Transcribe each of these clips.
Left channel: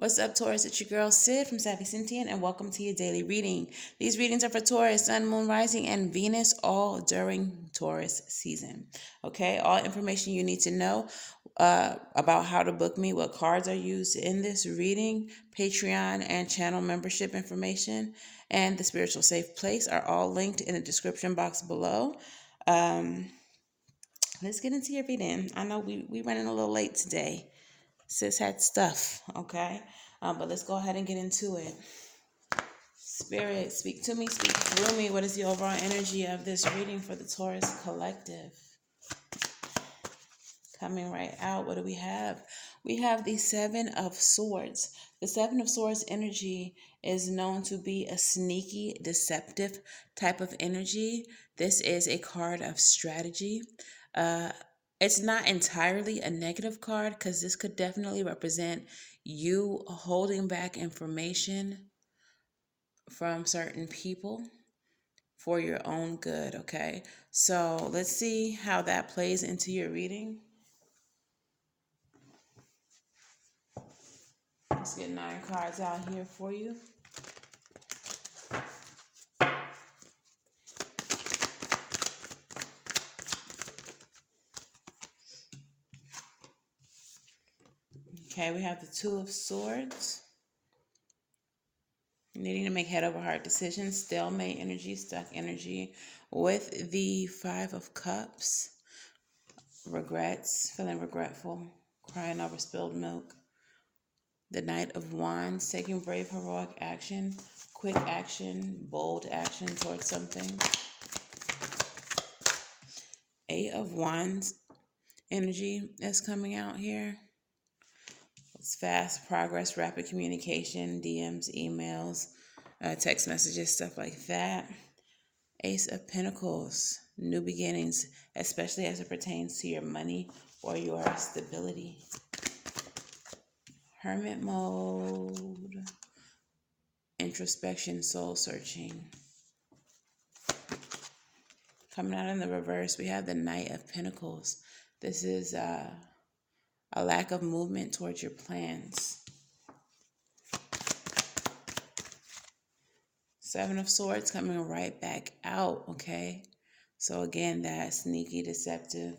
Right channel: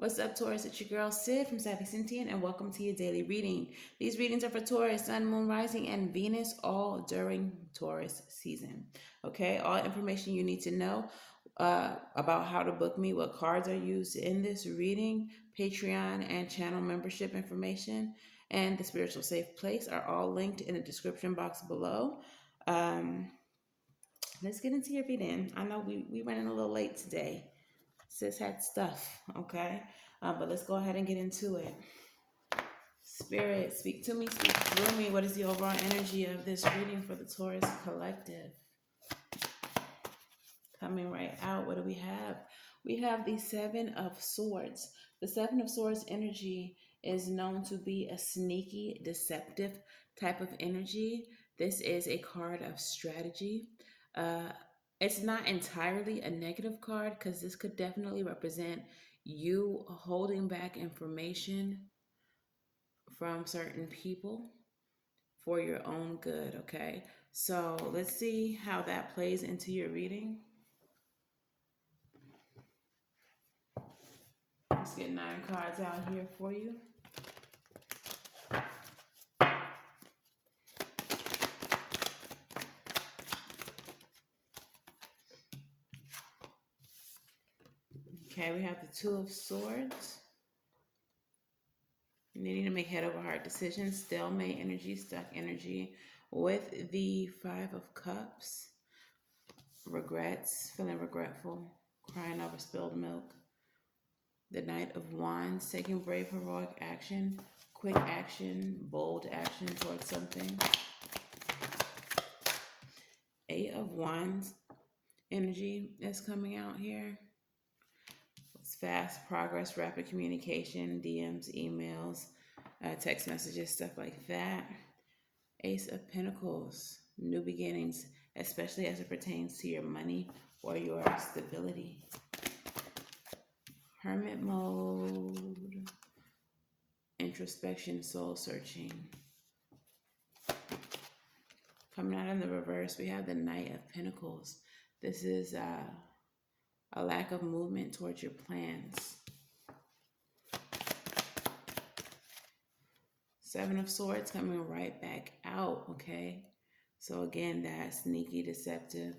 What's up, Taurus? It's your girl Sid from Savvy Sentient, and welcome to your daily reading. These readings are for Taurus, Sun, Moon, Rising, and Venus, all during Taurus season. Okay, all information you need to know about how to book me, what cards are used in this reading, Patreon and channel membership information, and the spiritual safe place are all linked in the description box below. Let's get into your reading. I know we running a little late today. Sis had stuff, okay? But let's go ahead and get into it. Spirit, speak to me, speak through me. What is the overall energy of this reading for the Taurus collective? Coming right out, what do we have? We have the Seven of Swords. The Seven of Swords energy is known to be a sneaky, deceptive type of energy. This is a card of strategy. It's not entirely a negative card because this could definitely represent you holding back information from certain people for your own good, okay? So let's see how that plays into your reading. Let's get 9 cards out here for you. Okay, we have the Two of Swords. Needing to make head over heart decisions, stalemate energy, stuck energy. With the Five of Cups, regrets, feeling regretful, crying over spilled milk. The Knight of Wands, taking brave, heroic action, quick action, bold action towards something. Eight of Wands energy is coming out here. It's fast progress, rapid communication, DMs, emails, text messages, stuff like that. Ace of Pentacles, new beginnings, especially as it pertains to your money or your stability. Hermit mode, introspection, soul searching. Coming out in the reverse, we have the Knight of Pentacles. This is a lack of movement towards your plans. Seven of Swords coming right back out, okay? So again, that sneaky, deceptive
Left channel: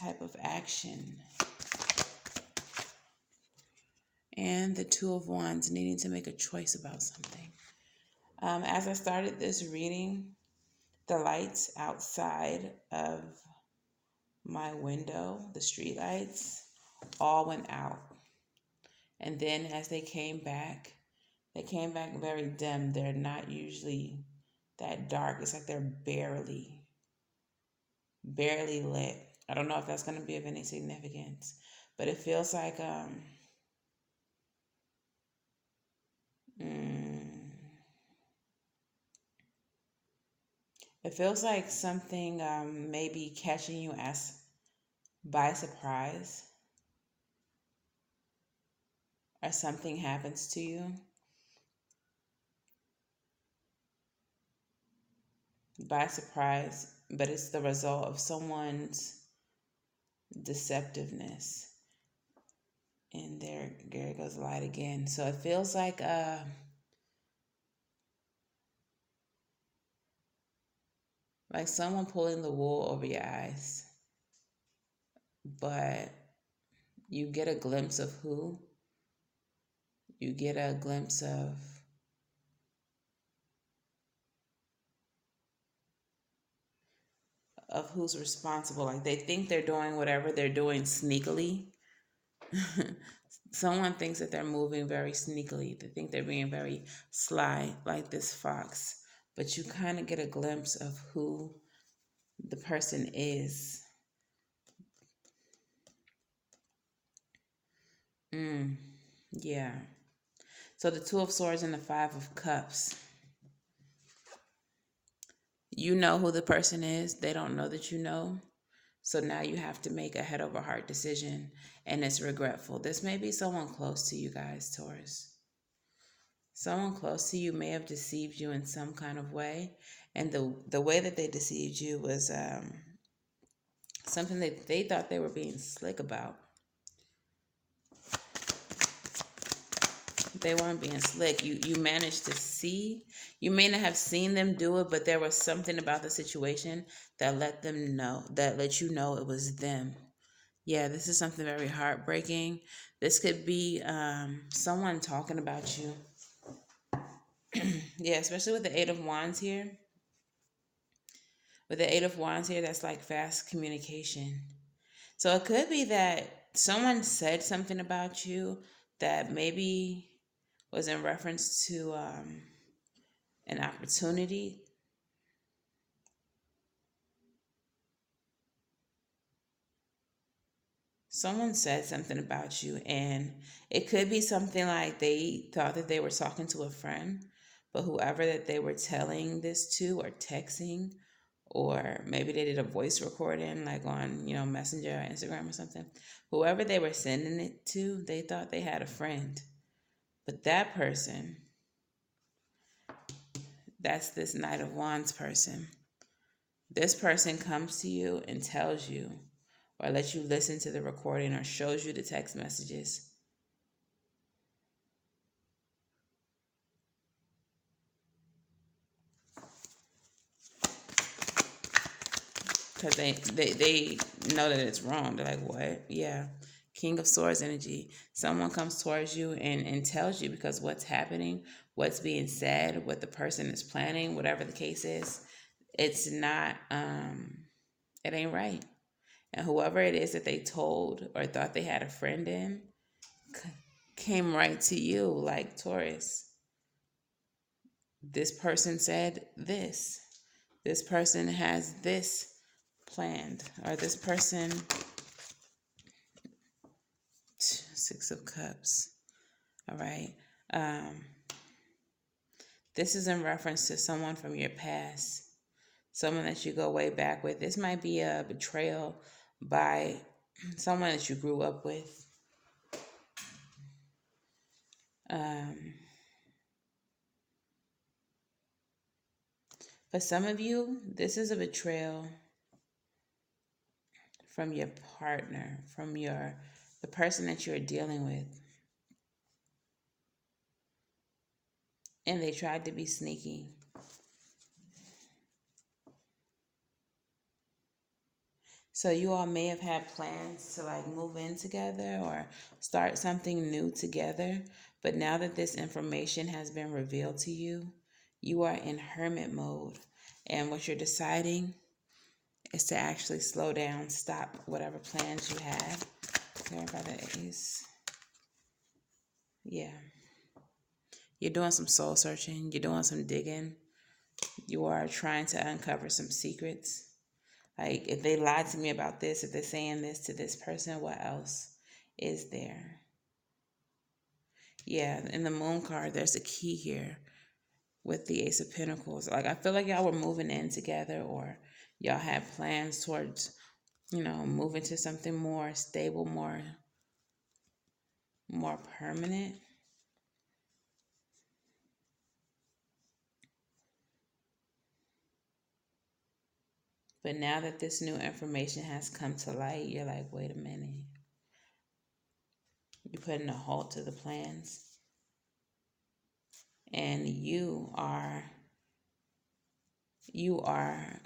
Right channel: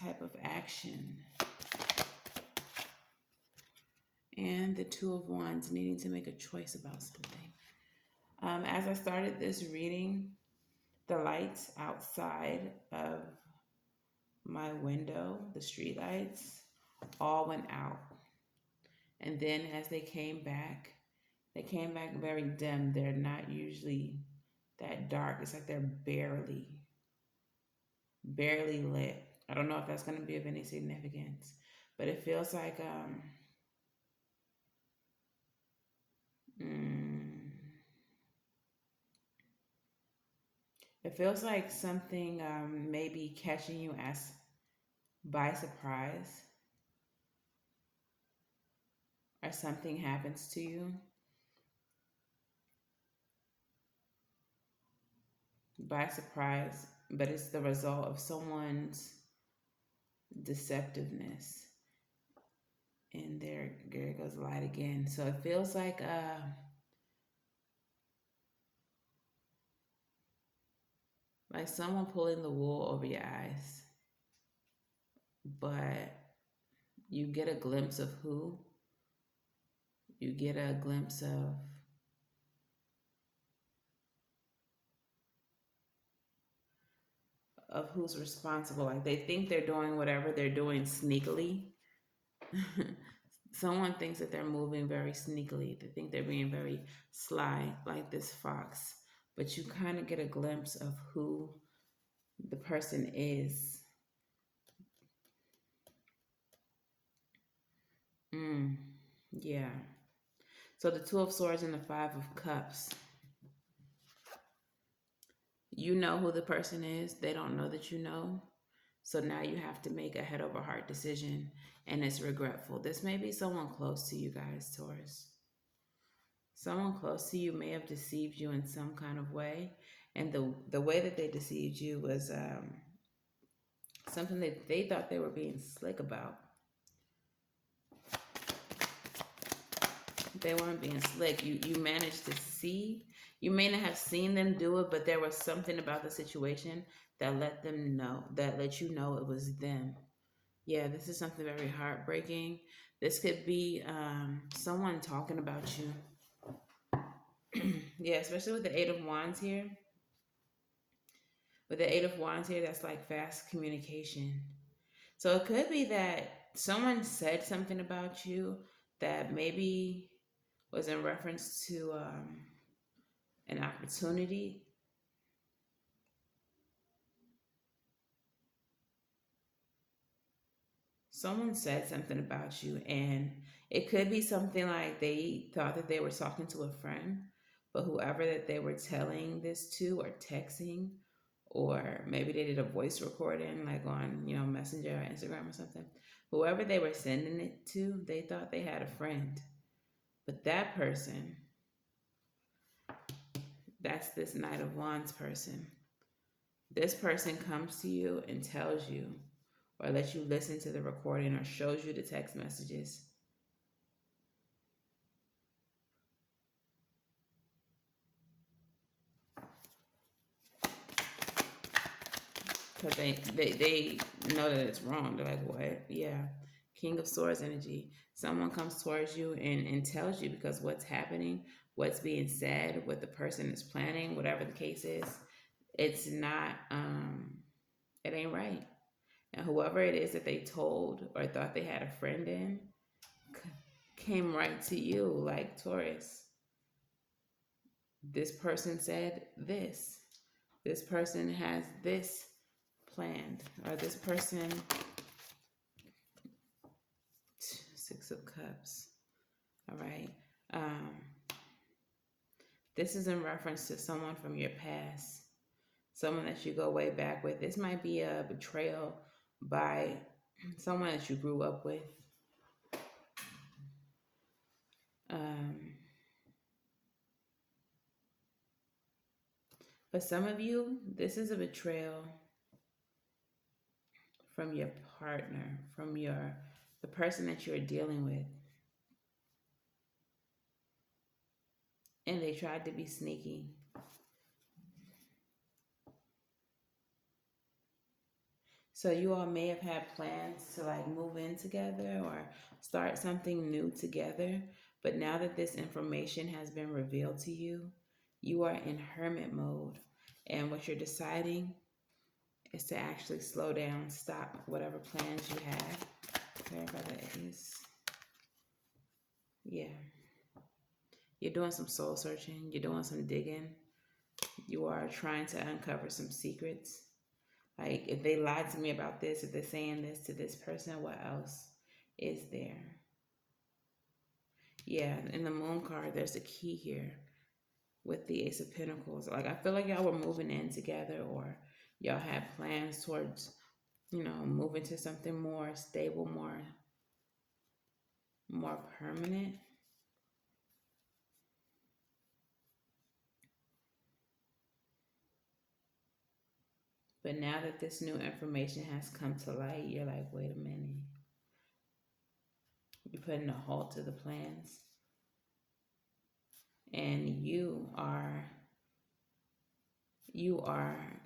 type of action. And the Two of Wands, needing to make a choice about something. As I started this reading, the lights outside of my window, the street lights, all went out. And then as they came back very dim. They're not usually that dark. It's like they're barely lit. I don't know if that's going to be of any significance, but it feels like it feels like something may be catching you by surprise, or something happens to you by surprise, but it's the result of someone's deceptiveness. And there goes the light again. So it feels like someone pulling the wool over your eyes. But you get a glimpse of who. You get a glimpse of who's responsible. Like they think they're doing whatever they're doing sneakily. Someone thinks that they're moving very sneakily. They think they're being very sly, like this fox. But you kind of get a glimpse of who the person is. Yeah. So the Two of Swords and the Five of Cups. You know who the person is. They don't know that you know. So now you have to make a head over heart decision, and it's regretful. This may be someone close to you guys, Taurus. Someone close to you may have deceived you in some kind of way. And the way that they deceived you was something that they thought they were being slick about. They weren't being slick. You managed to see. You may not have seen them do it, but there was something about the situation that let you know it was them. Yeah, this is something very heartbreaking. This could be someone talking about you. Yeah, especially with the Eight of Wands here. With the Eight of Wands here, that's like fast communication. So it could be that someone said something about you that maybe was in reference to an opportunity. Someone said something about you, and it could be something like they thought that they were talking to a friend, but whoever that they were telling this to or texting, or maybe they did a voice recording like on, Messenger or Instagram or something. Whoever they were sending it to, they thought they had a friend. But that person, that's this Knight of Wands person. This person comes to you and tells you, or lets you listen to the recording, or shows you the text messages. Because they know that it's wrong. They're like, what? Yeah. King of Swords energy. Someone comes towards you and tells you, because what's happening, what's being said, what the person is planning, whatever the case is, it's not, it ain't right. And whoever it is that they told or thought they had a friend in came right to you, like, Taurus. This person said this. This person has this planned, or this person. Six of Cups. All right. This is in reference to someone from your past, someone that you go way back with. This might be a betrayal by someone that you grew up with. For some of you, this is a betrayal from your partner, from the person that you're dealing with. And they tried to be sneaky. So you all may have had plans to like move in together or start something new together. But now that this information has been revealed to you, you are in hermit mode. And what you're deciding is to actually slow down, stop whatever plans you had. Clarify the Ace. Yeah. You're doing some soul searching. You're doing some digging. You are trying to uncover some secrets. Like, if they lied to me about this, if they're saying this to this person, what else is there? Yeah, in the Moon card, there's a key here with the Ace of Pentacles. Like, I feel like y'all were moving in together, or y'all had plans towards, moving to something more stable, more permanent. But now that this new information has come to light, you're like, wait a minute. You're putting a halt to the plans. And you are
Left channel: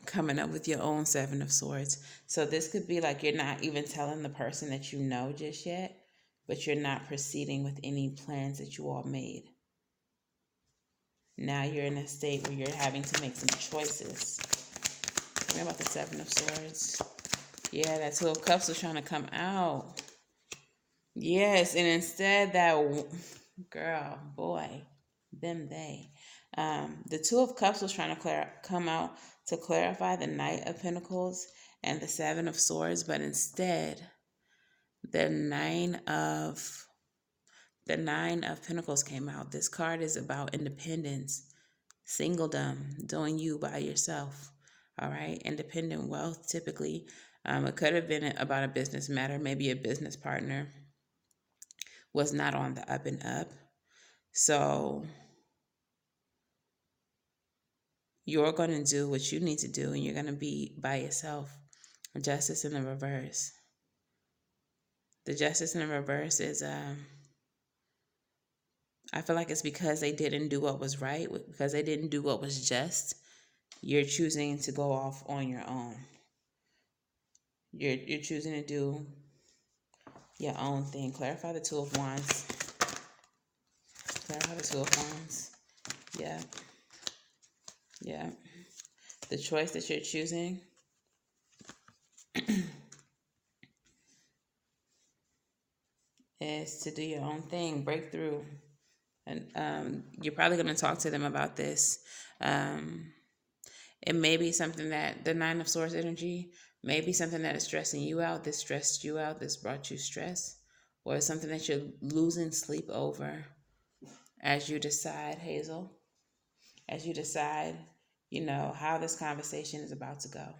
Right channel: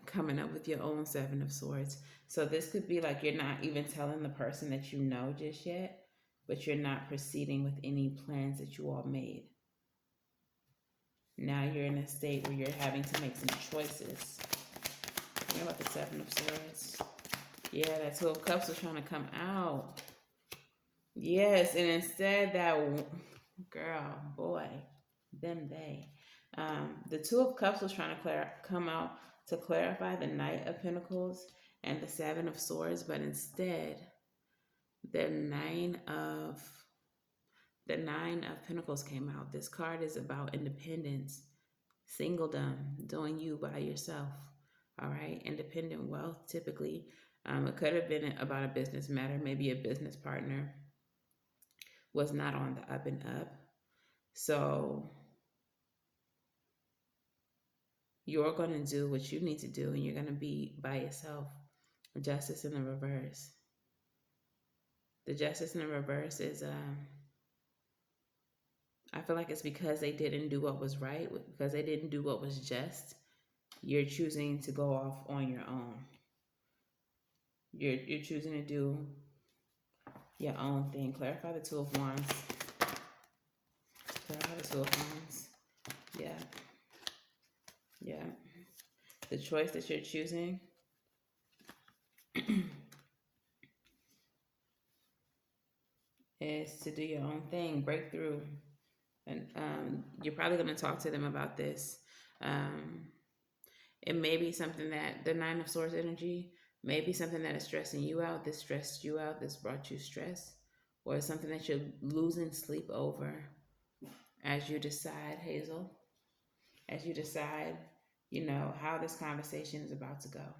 coming up with your own Seven of Swords. So this could be like you're not even telling the person that you know just yet, but you're not proceeding with any plans that you all made. Now you're in a state where you're having to make some choices. Tell me about the Seven of Swords. Yeah, that Two of Cups was trying to come out. Yes, and instead that girl, boy, they. The Two of Cups was trying to come out to clarify the Knight of Pentacles and the Seven of Swords, but instead, the Nine of Pentacles came out. This card is about independence, singledom, doing you by yourself. All right, independent wealth. Typically, it could have been about a business matter. Maybe a business partner was not on the up and up, so you're going to do what you need to do, and you're going to be by yourself. Justice in the reverse. The Justice in the reverse is I feel like it's because they didn't do what was right, because they didn't do what was just. You're choosing to go off on your own. You're choosing to do your own thing. Clarify the Two of Wands. Clarify the Two of Wands. Yeah. Yeah. The choice that you're choosing is to do your own thing, break through. And you're probably going to talk to them about this. It may be something that the Nine of Swords energy may be something that is stressing you out. This stressed you out. This brought you stress. Or it's something that you're losing sleep over as you decide, Hazel, as you decide, how this conversation is about to go.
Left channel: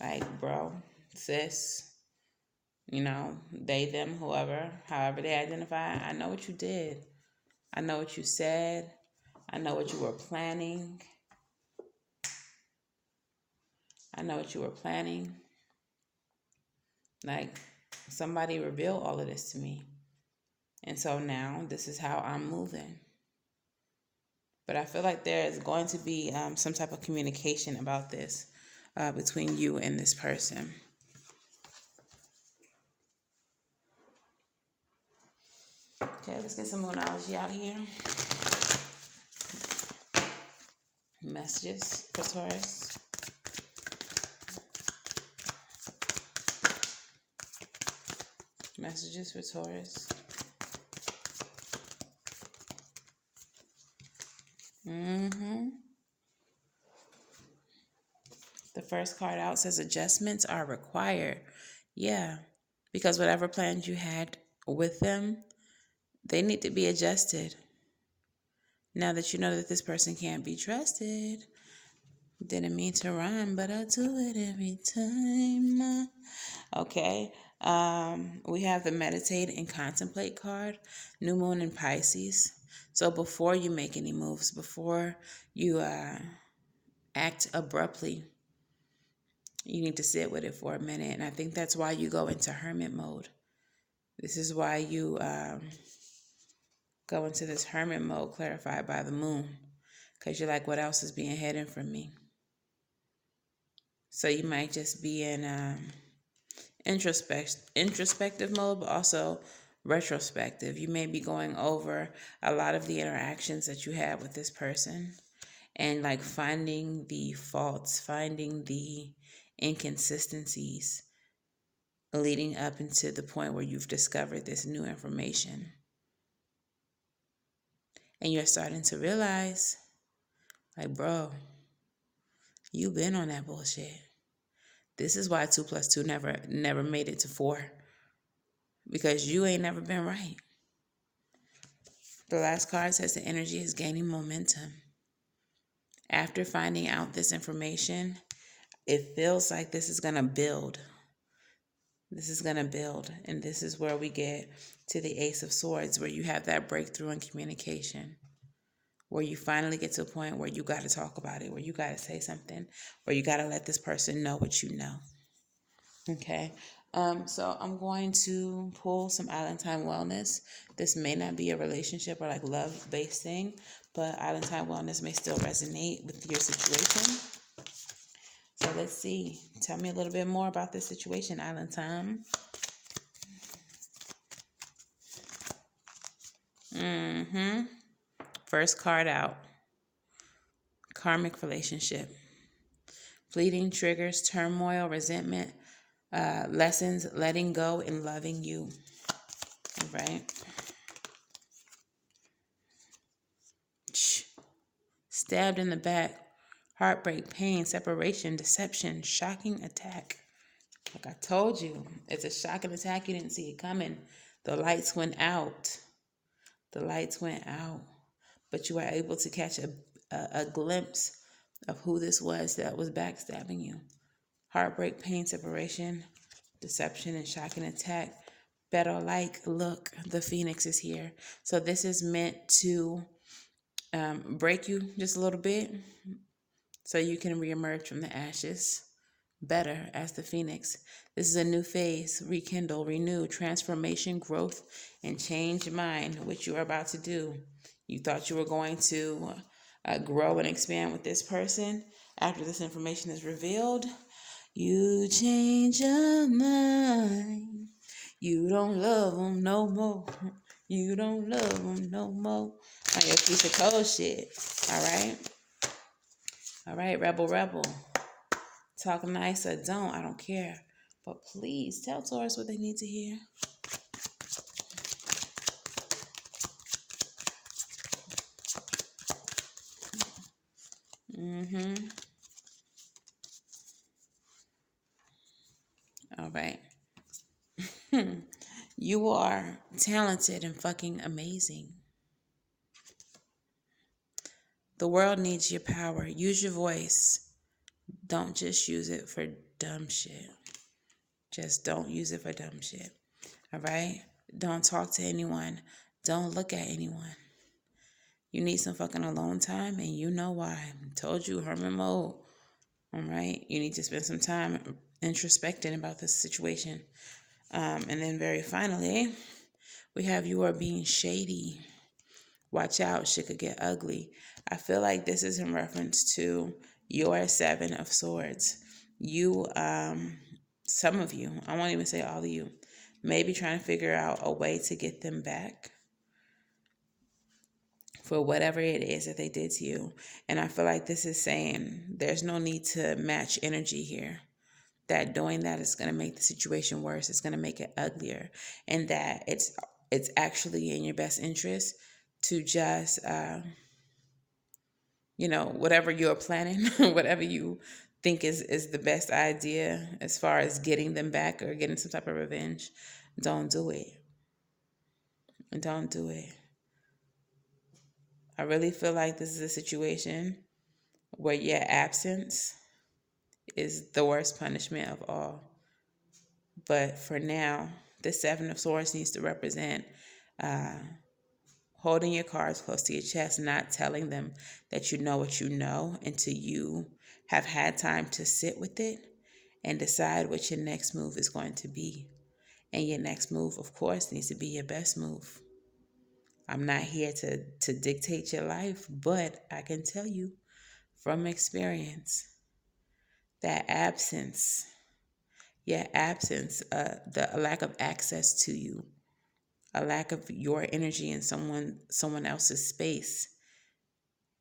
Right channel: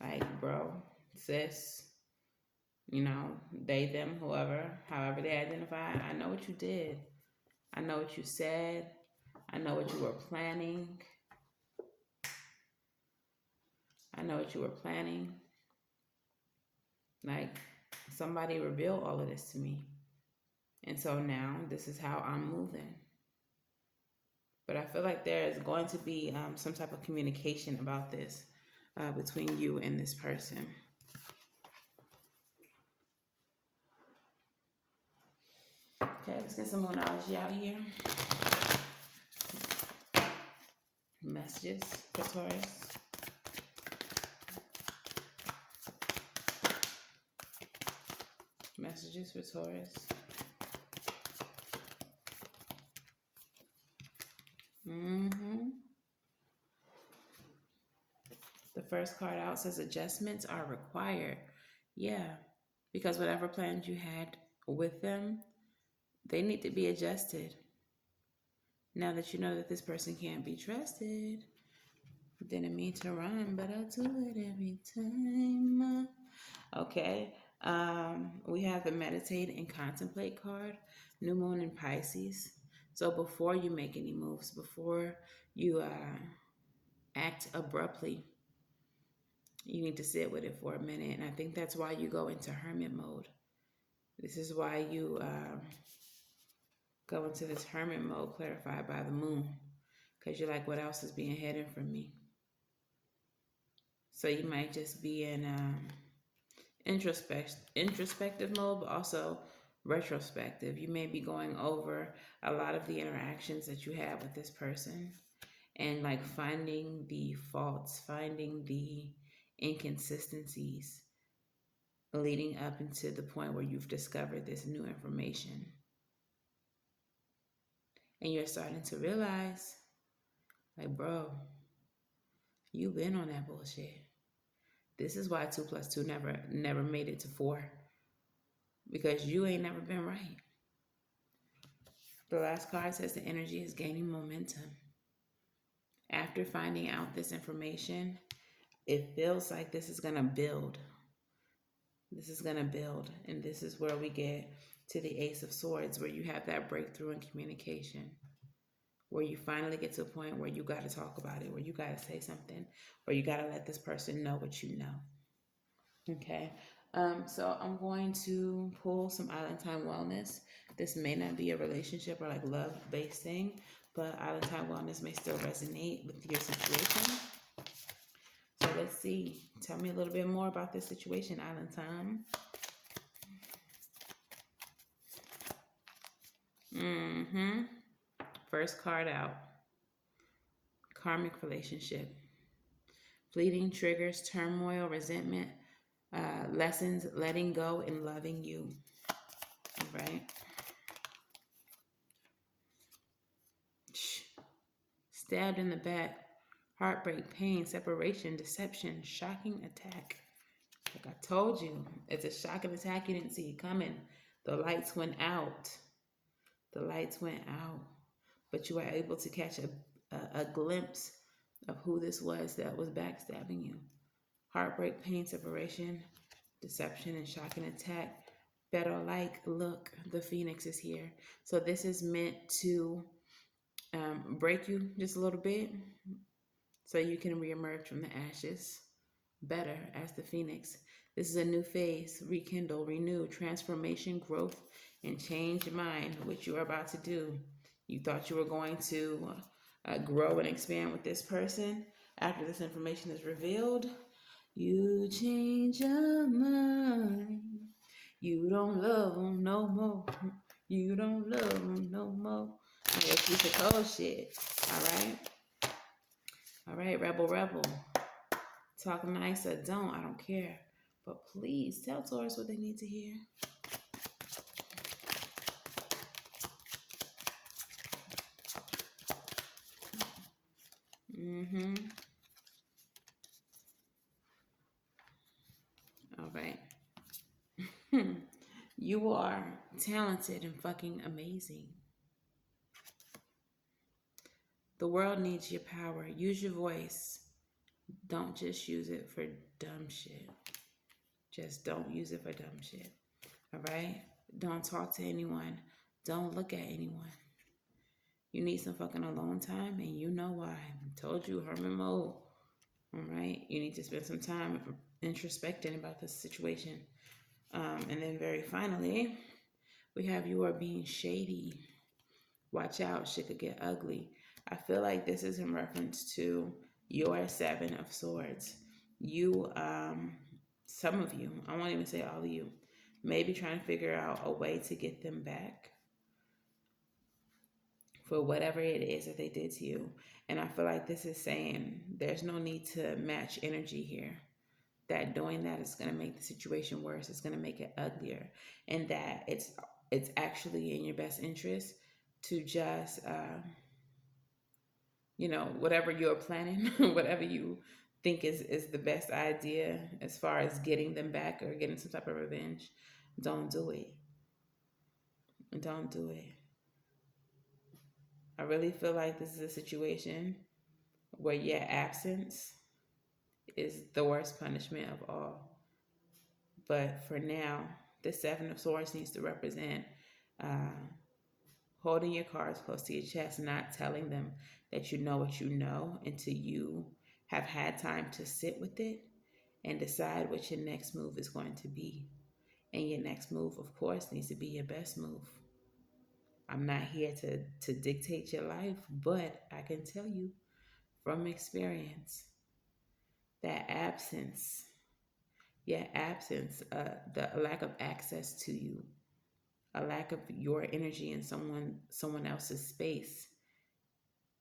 Like, bro, sis, they, them, whoever, however they identify, I know what you did. I know what you said. I know what you were planning. I know what you were planning. Like, somebody revealed all of this to me. And so now this is how I'm moving. But I feel like there is going to be some type of communication about this between you and this person. Okay, let's get some moonology out of here. Messages for Taurus. Messages for Taurus. The first card out says adjustments are required. Yeah, because whatever plans you had with them, they need to be adjusted. Now that you know that this person can't be trusted. Didn't mean to rhyme, but I do it every time. Okay. We have the Meditate and Contemplate card, New Moon in Pisces. So before you make any moves, before you act abruptly, you need to sit with it for a minute. And I think that's why you go into hermit mode. This is why you go into this hermit mode clarified by the moon. Because you're like, what else is being hidden from me? So you might just be in introspective mode, but also retrospective. You may be going over a lot of the interactions that you had with this person and like finding the faults, finding the inconsistencies leading up into the point where you've discovered this new information. And you're starting to realize, like, bro, you've been on that bullshit. This is why 2 + 2 never made it to 4. Because you ain't never been right. The last card says the energy is gaining momentum. After finding out this information, it feels like this is going to build. This is going to build. And this is where we get to the Ace of Swords, where you have that breakthrough in communication, where you finally get to a point where you got to talk about it, where you got to say something, where you got to let this person know what you know. Okay. So I'm going to pull some Island Time Wellness. This may not be a relationship or like love-based thing, but Island Time Wellness may still resonate with your situation. So let's see. Tell me a little bit more about this situation, Island Time. First card out. Karmic relationship. Fleeting triggers, turmoil, resentment, lessons, letting go, and loving you. Right? Stabbed in the back, heartbreak, pain, separation, deception, shocking attack. Like I told you, it's a shocking attack. You didn't see it coming. The lights went out. The lights went out. But you were able to catch a glimpse of who this was that was backstabbing you. Heartbreak, pain, separation, deception, and shocking attack. Better like, look, the Phoenix is here. So this is meant to break you just a little bit so you can reemerge from the ashes better as the Phoenix. This is a new phase, rekindle, renew, transformation, growth, and change your mind what you are about to do. You thought you were going to grow and expand with this person. After this information is revealed, you change your mind. You don't love them no more. You don't love them no more. On your piece of cold shit. All right? All right, rebel. Talk nice or don't. I don't care. But please tell Taurus what they need to hear. All right. You are talented and fucking amazing. The world needs your power. Use your voice. Don't just use it for dumb shit. Just don't use it for dumb shit. All right? Don't talk to anyone. Don't look at anyone. You need some fucking alone time, and you know why. I told you, hermit mode. All right? You need to spend some time introspecting about this situation. And then very finally, we have you are being shady. Watch out, shit could get ugly. I feel like this is in reference to your Seven of Swords. You, some of you, I won't even say all of you, maybe trying to figure out a way to get them back for whatever it is that they did to you. And I feel like this is saying there's no need to match energy here. That doing that is going to make the situation worse. It's going to make it uglier. And that it's actually in your best interest to just, whatever you're planning, whatever you think is the best idea as far as getting them back or getting some type of revenge, don't do it. Don't do it. I really feel like this is a situation where your absence is the worst punishment of all. But for now, the Seven of Swords needs to represent holding your cards close to your chest, not telling them that you know what you know until you have had time to sit with it and decide what your next move is going to be. And your next move, of course, needs to be your best move. I'm not here to dictate your life, but I can tell you from experience that your absence, the lack of access to you, a lack of your energy in someone else's space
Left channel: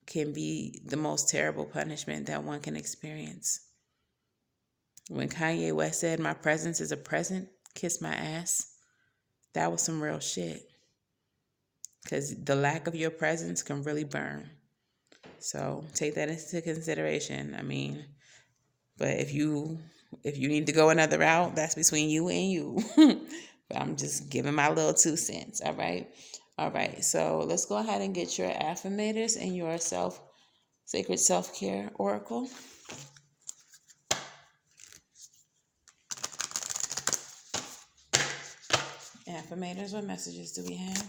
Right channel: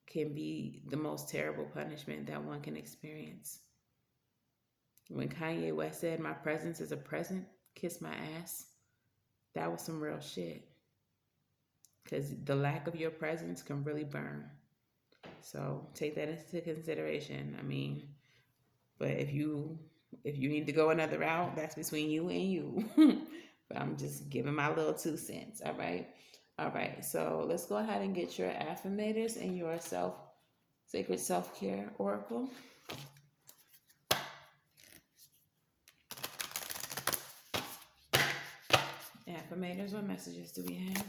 can be the most terrible punishment that one can experience. When Kanye West said, "My presence is a present, kiss my ass," that was some real shit. Because the lack of your presence can really burn. So take that into consideration. I mean, but if you need to go another route, that's between you and you. But I'm just giving my little 2 cents. All right. So let's go ahead and get your affirmators and your sacred self-care oracle. Affirmators, what messages do we have?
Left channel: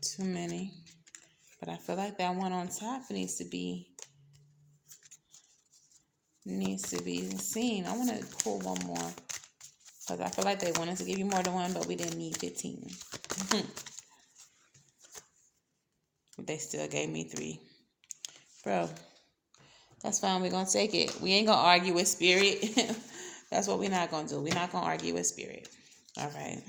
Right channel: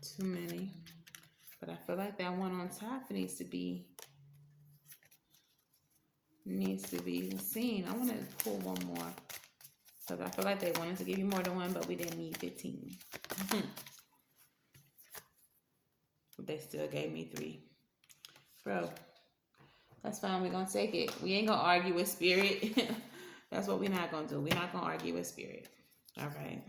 Too many. But I feel like that one on top needs to be seen. I want to pull one more because I feel like they wanted to give you more than one, but we didn't need 15. They still gave me 3. Bro, that's fine. We're going to take it. We ain't going to argue with spirit. That's what we're not going to do. We're not going to argue with spirit. All right.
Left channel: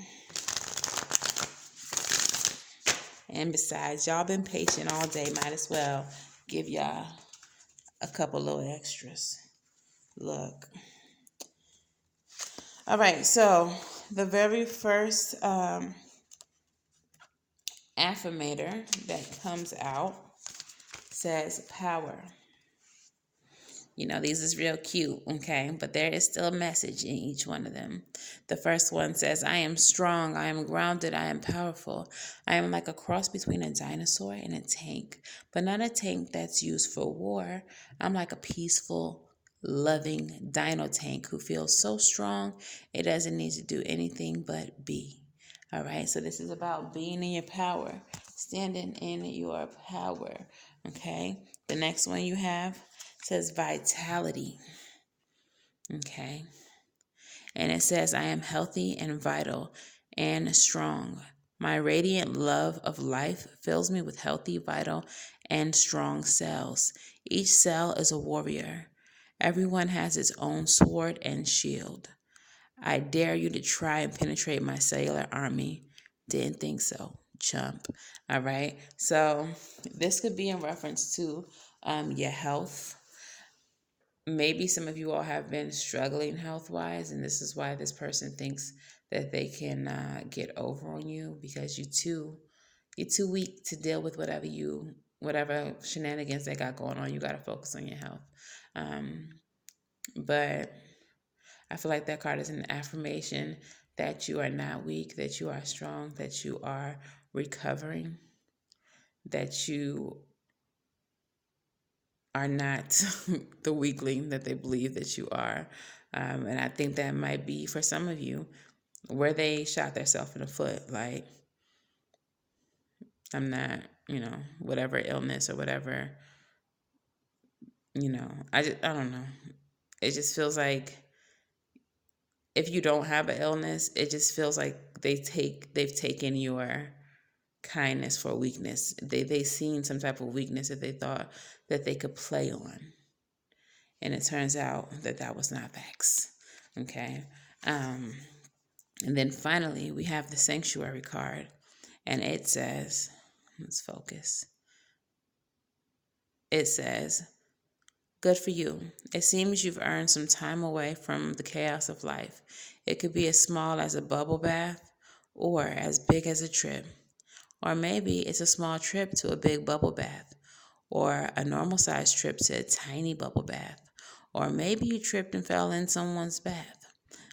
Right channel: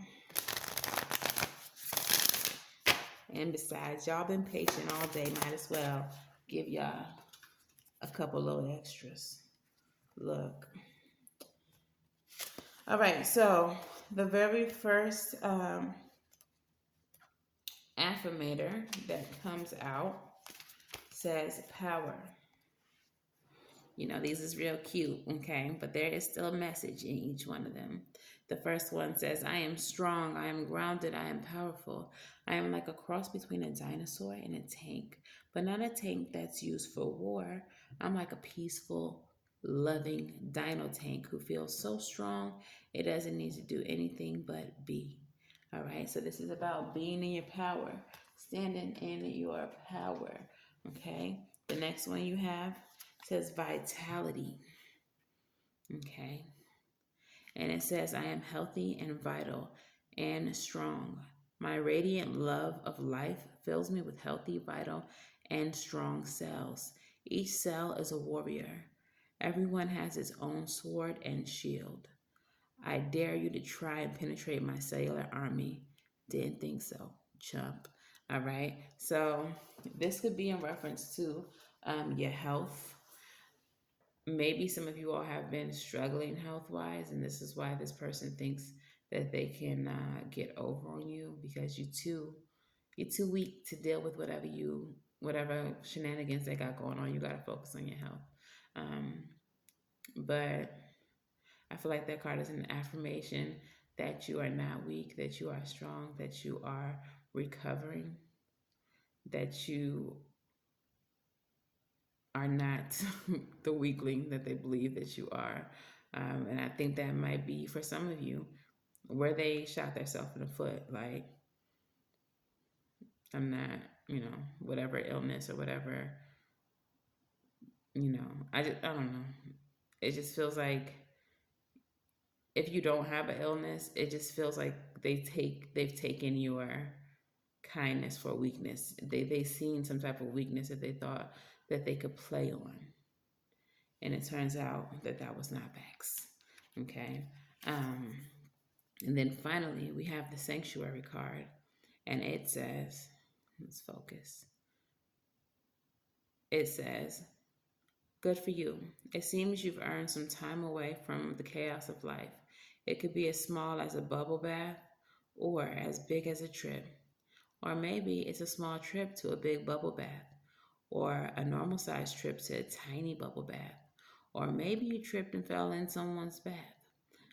And besides, y'all been patient all day. Might as well give y'all a couple little extras. Look. All right. So the very first affirmator that comes out says power. These is real cute, okay? But there is still a message in each one of them. The first one says, I am strong, I am grounded, I am powerful. I am like a cross between a dinosaur and a tank, but not a tank that's used for war. I'm like a peaceful, loving dino tank who feels so strong it doesn't need to do anything but be. All right, so this is about being in your power, standing in your power, okay? The next one you have says vitality, okay? And it says, I am healthy and vital and strong. My radiant love of life fills me with healthy, vital, and strong cells. Each cell is a warrior. Everyone has its own sword and shield. I dare you to try and penetrate my cellular army. Didn't think so, chump. All right. So this could be in reference to your health. Maybe some of you all have been struggling health wise, and this is why this person thinks that they can get over on you because you're too weak to deal with whatever shenanigans they got going on. You got to focus on your health. But I feel like that card is an affirmation that you are not weak, that you are strong, that you are recovering, that you are not the weakling that they believe that you are. And I think that might be for some of you where they shot themselves in the foot. Like, I'm not, whatever illness or whatever, I don't know. It just feels like if you don't have an illness, it just feels like they've taken your kindness for weakness. They seen some type of weakness that they thought that they could play on, and it turns out that that was not facts. Okay, and then finally we have the Sanctuary card, and it says, let's focus. It says, good for you. It seems you've earned some time away from the chaos of life. It could be as small as a bubble bath or as big as a trip. Or maybe it's a small trip to a big bubble bath, or a normal sized trip to a tiny bubble bath, or maybe you tripped and fell in someone's bath.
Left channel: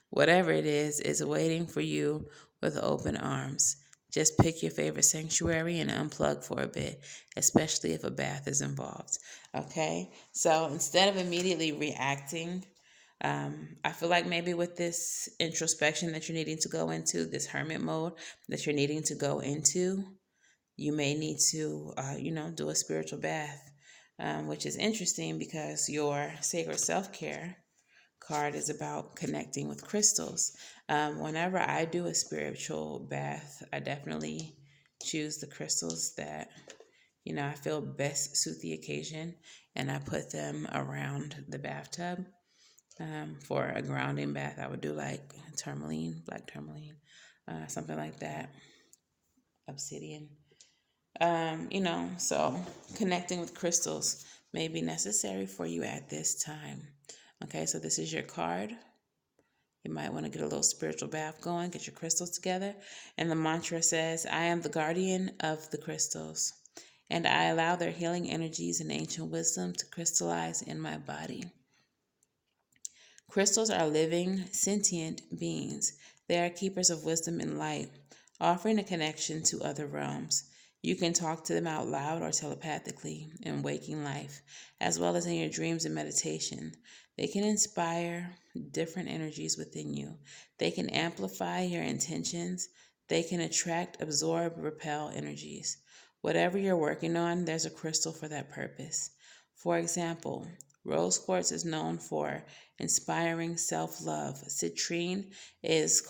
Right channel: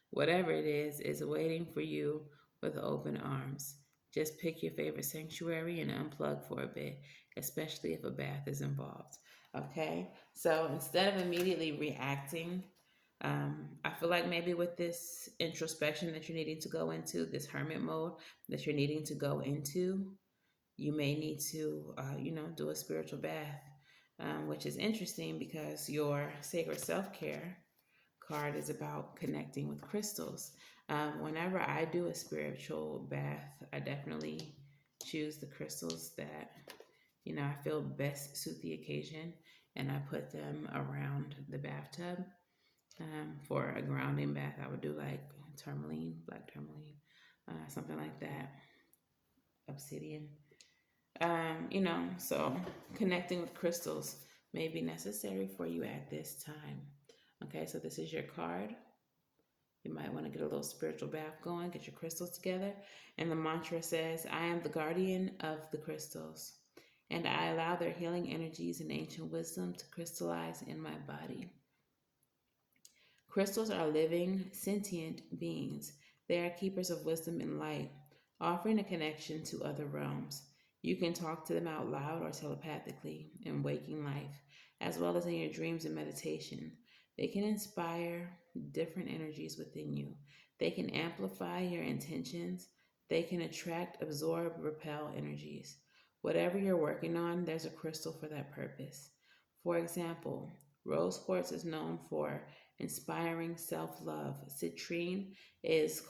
Whatever it is waiting for you with open arms. Just pick your favorite sanctuary and unplug for a bit, especially if a bath is involved. Okay? So instead of immediately reacting, I feel like maybe with this introspection that you're needing to go into, this hermit mode that you're needing to go into, you may need to, do a spiritual bath, which is interesting because your sacred self care card is about connecting with crystals. Whenever I do a spiritual bath, I definitely choose the crystals that, I feel best suit the occasion, and I put them around the bathtub. For a grounding bath, I would do like tourmaline, black tourmaline, something like that, obsidian. So connecting with crystals may be necessary for you at this time. Okay, so this is your card. You might want to get a little spiritual bath going, get your crystals together. And the mantra says, I am the guardian of the crystals, and I allow their healing energies and ancient wisdom to crystallize in my body. Crystals are living, sentient beings. They are keepers of wisdom and light, offering a connection to other realms. You can talk to them out loud or telepathically in waking life, as well as in your dreams and meditation. They can inspire different energies within you. They can amplify your intentions. They can attract, absorb, repel energies. Whatever you're working on, there's a crystal for that purpose. For example, rose quartz is known for inspiring self-love. Citrine is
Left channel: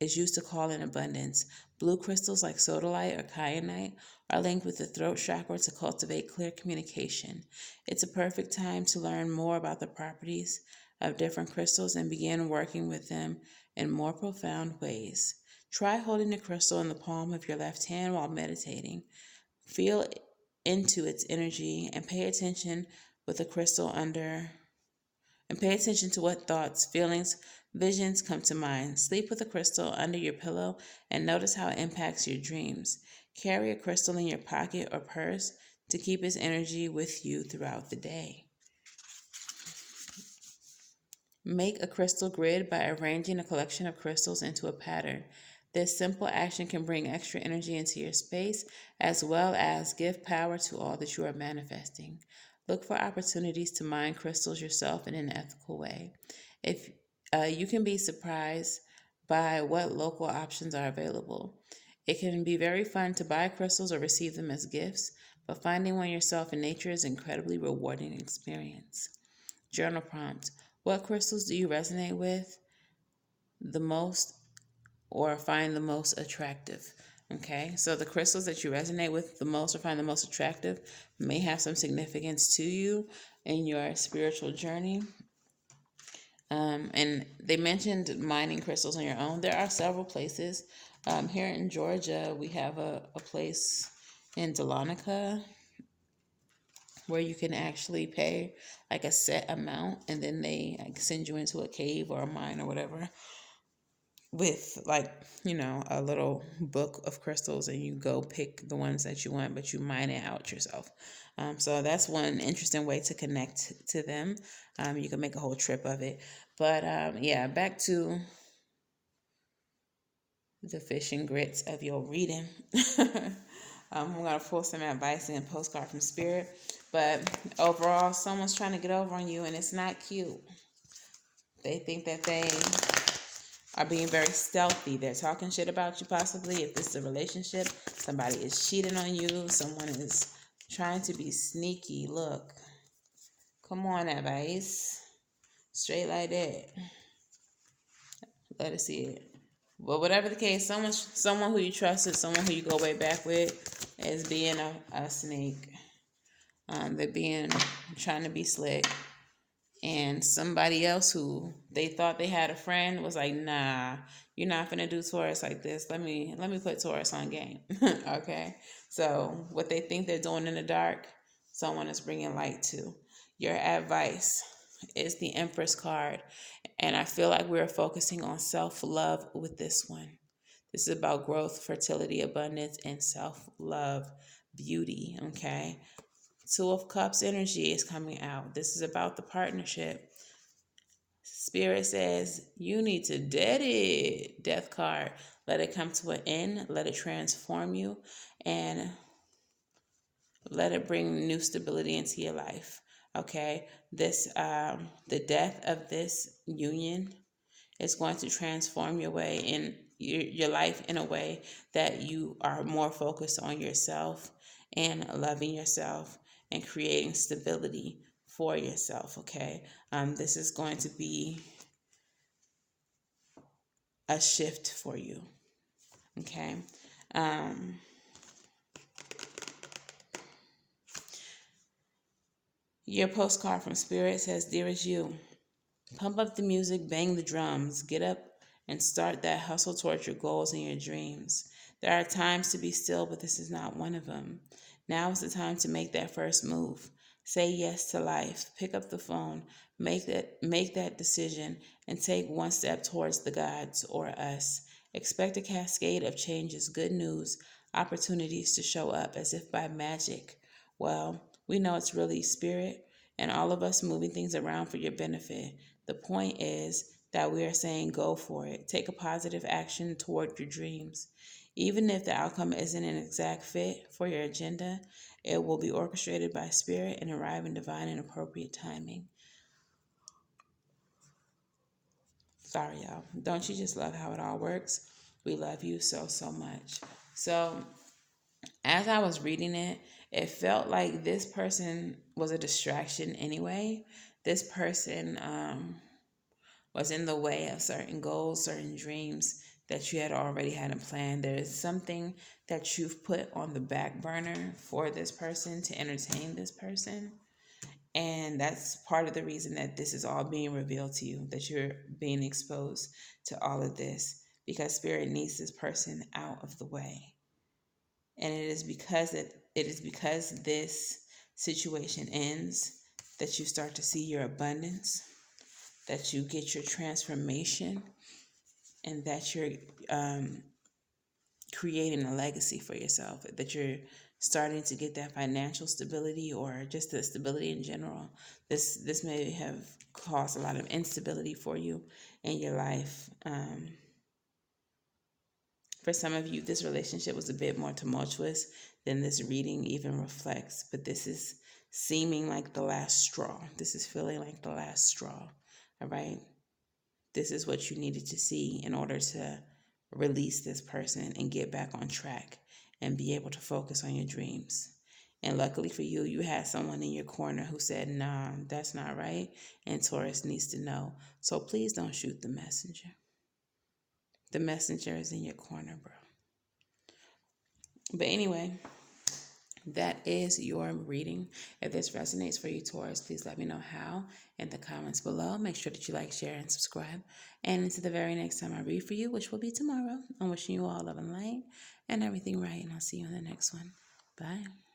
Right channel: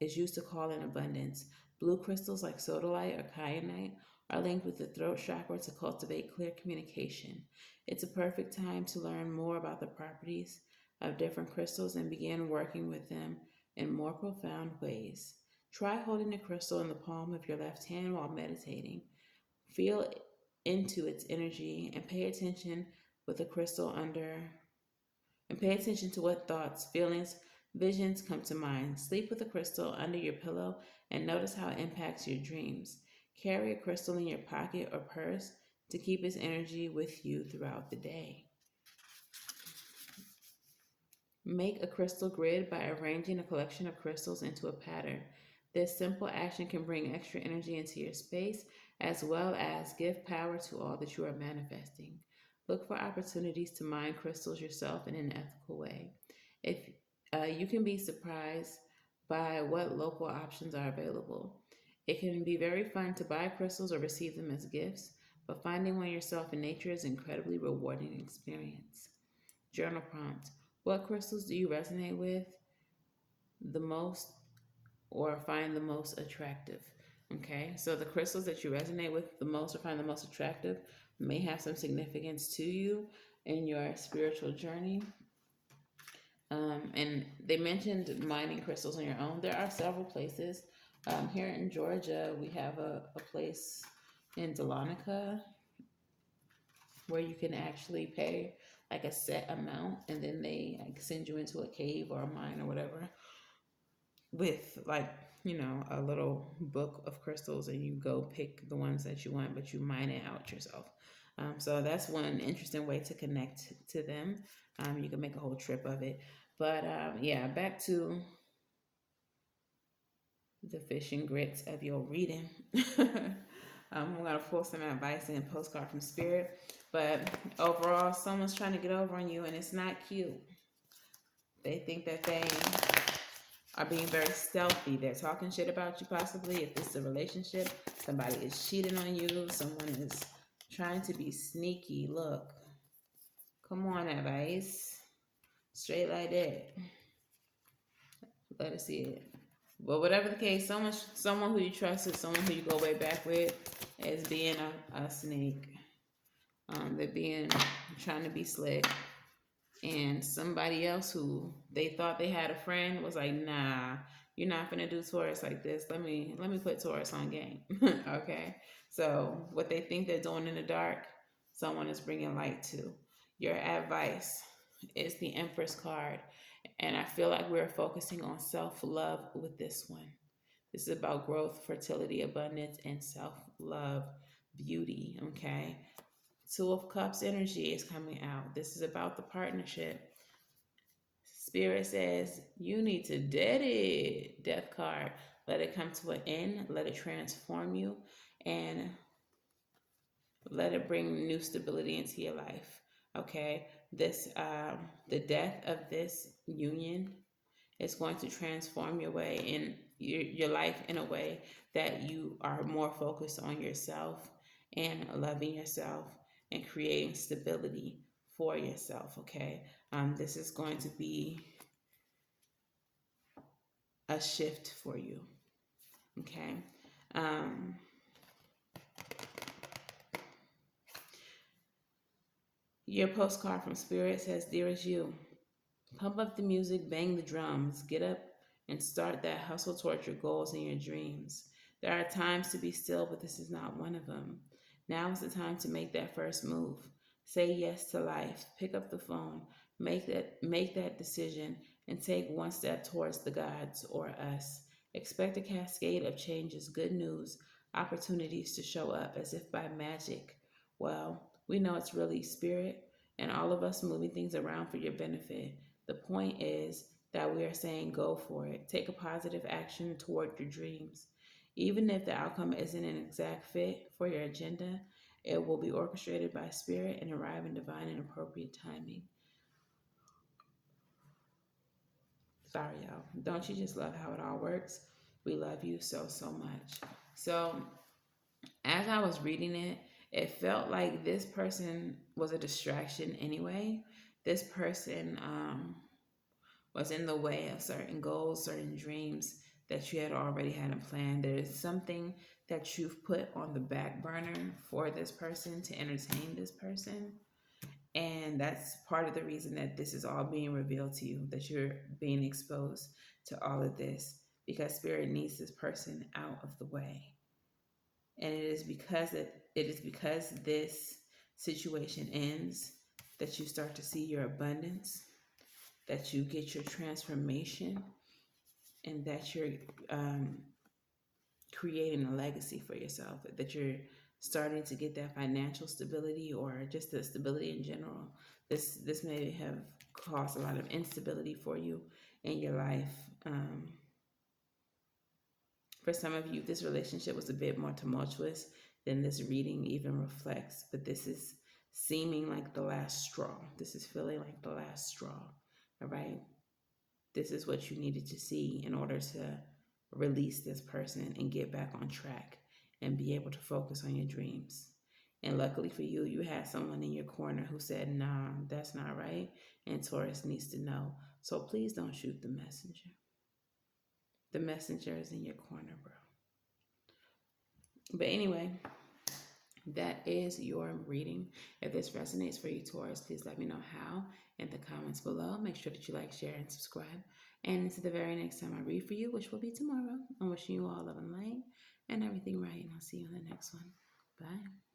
used to call in abundance. Blue crystals like sodalite or kyanite are linked with the throat chakra to cultivate clear communication. It's a perfect time to learn more about the properties of different crystals and begin working with them in more profound ways. Try holding the crystal in the palm of your left hand while meditating. Feel into its energy and pay attention with the crystal under and pay attention to what thoughts, feelings, visions come to mind. Sleep with a crystal under your pillow and notice how it impacts your dreams. Carry a crystal in your pocket or purse to keep its energy with you throughout the day. Make a crystal grid by arranging a collection of crystals into a pattern. This simple action can bring extra energy into your space as well as give power to all that you are manifesting. Look for opportunities to mine crystals yourself in an ethical way. If you can be surprised by what local options are available. It can be very fun to buy crystals or receive them as gifts, but finding one yourself in nature is an incredibly rewarding experience. Journal prompt. What crystals do you resonate with? the most or find the most attractive. Okay, so the crystals that you resonate with the most or find the most attractive may have some significance to you in your spiritual journey. And they mentioned mining crystals on your own. There are several places. Here in Georgia, we have a place in Dahlonega where you can actually pay like a set amount, and then they like send you into a cave or a mine or whatever with like, a little book of crystals, and you go pick the ones that you want, but you mine it out yourself. So that's one interesting way to connect to them. You can make a whole trip of it. But yeah, back to the fish and grits of your reading. I'm going to pull some advice and postcard from Spirit. But overall, someone's trying to get over on you, and it's not cute. They think that they are being very stealthy. They're talking shit about you, possibly. If this is a relationship, somebody is cheating on you. Someone is trying to be sneaky. Look. Come on, advice. Straight like that. Let us see it. But whatever the case, someone who you trusted, someone who you go way back with, is being a snake. They're trying to be slick. And somebody else who they thought they had a friend was like, nah, you're not gonna do Taurus like this. Let me put Taurus on game. Okay. So what they think they're doing in the dark, someone is bringing light to. Your advice is the Empress card. And I feel like we're focusing on self-love with this one. This is about growth, fertility, abundance, and self-love, beauty, okay? Two of Cups energy is coming out. This is about the partnership. Spirit says you need to dead it. Death card. Let it come to an end. Let it transform you. And let it bring new stability into your life. Okay? The death of this union is going to transform your way in your life in a way that you are more focused on yourself and loving yourself and creating stability for yourself. Okay, this is going to be a shift for you. Okay. Your postcard from Spirit says, "Dearest you, pump up the music, bang the drums, get up and start that hustle towards your goals and your dreams. There are times to be still, but this is not one of them. Now is the time to make that first move. Say yes to life. Pick up the phone, make that decision, and take one step towards the gods or us. Expect a cascade of changes, good news, opportunities to show up as if by magic. Well, we know it's really Spirit and all of us moving things around for your benefit. The point is that we are saying go for it. Take a positive action toward your dreams. Even if the outcome isn't an exact fit for your agenda, it will be orchestrated by Spirit and arrive in divine and appropriate timing." Sorry, y'all. Don't you just love how it all works? We love you so, so much. So, as I was reading it, it felt like this person was a distraction anyway. This person was in the way of certain goals, certain dreams that you had already had in plan. There is something that you've put on the back burner for this person to entertain this person. And that's part of the reason that this is all being revealed to you, that you're being exposed to all of this, because Spirit needs this person out of the way. And it is because this situation ends that you start to see your abundance, that you get your transformation, and that you're creating a legacy for yourself, that you're starting to get that financial stability or just the stability in general. This may have caused a lot of instability for you in your life. For some of you, this relationship was a bit more tumultuous than this reading even reflects, but this is seeming like the last straw. This is feeling like the last straw, all right? This is what you needed to see in order to release this person and get back on track and be able to focus on your dreams. And luckily for you, you had someone in your corner who said, nah, that's not right. And Taurus needs to know. So please don't shoot the messenger. The messenger is in your corner, bro. But anyway, that is your reading. If this resonates for you, Taurus, please let me know how in the comments below. Make sure that you like, share, and subscribe. And until the very next time I read for you, which will be tomorrow, I'm wishing you all love and light and everything right. And I'll see you in the next one. Bye.